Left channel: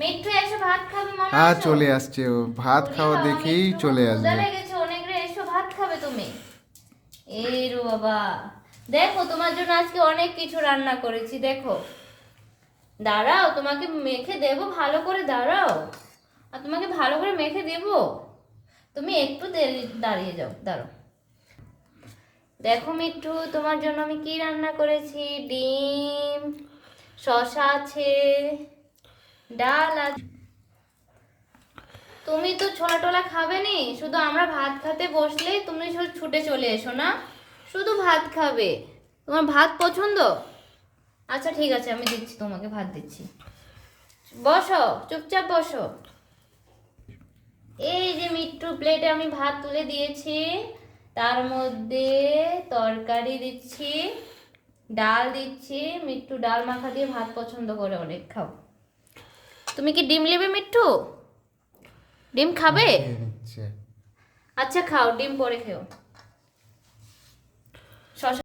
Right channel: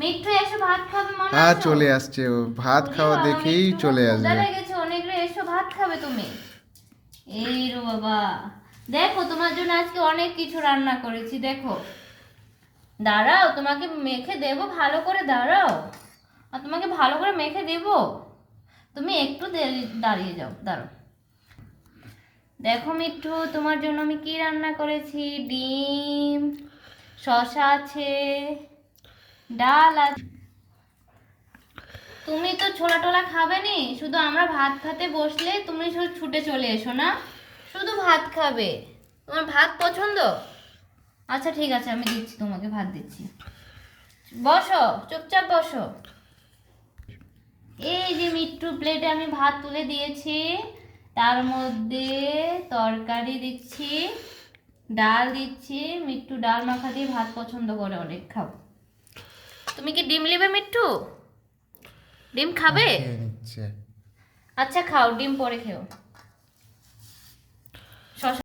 মিঠু এসো ভাত খাবে মনে হ্যাঁ আছে? চলে আসছে ও, ভাত ওরে খাওয়া বাবা, দেখেই মিঠুর চলে ক্ষুধা আসবে। লেগেছে অনেক রে, এসো ভাত খাবে তুমি। এই রো বাবা, দেখো তোমার জন্য আজকে অনেক কিছু রান্না করেছি, দেখো। দাঁড়াও, তোমাকে মেখে দেবো ভালো করে, দাঁড়াও। আর তোমাকে ভালো করে মেখে দেবো, তুমি একটু দাঁড়িয়ে যাও, দাঁড়াও। দেখো মিঠু, তোমার জন্য আমি কি রান্না করেছি। ডিম, শসা আছে, ডাল আছে। তুমি তো ছোলা টোলা খাবে নি, শুধু আমরা ভাত খেতে বসলে তুমি শুধু ছুটে চলে এসো না, শুধু ভাত খাবে। তোমার ভাত পছন্দ? আচ্ছা ঠিক আছে, আমি দিচ্ছি, তোমাকে ভাত দিচ্ছি। বসো, চুপচাপ বসো। এই যে মিট্টু প্লেটে আমি ভাত তুলে দিয়েছি, তার মধ্যে তরকারি দিচ্ছি, ডাল দিচ্ছি। মিট্টু ডাল মাখা দিয়ে ভাত পছন্দ করে অনেক, খাও। তুমি কি ডিম নেবে মিট্টু? ডিম খাবে? খেয়ে নিচ্ছে। আচ্ছা খাও, ডিম পরে খেও।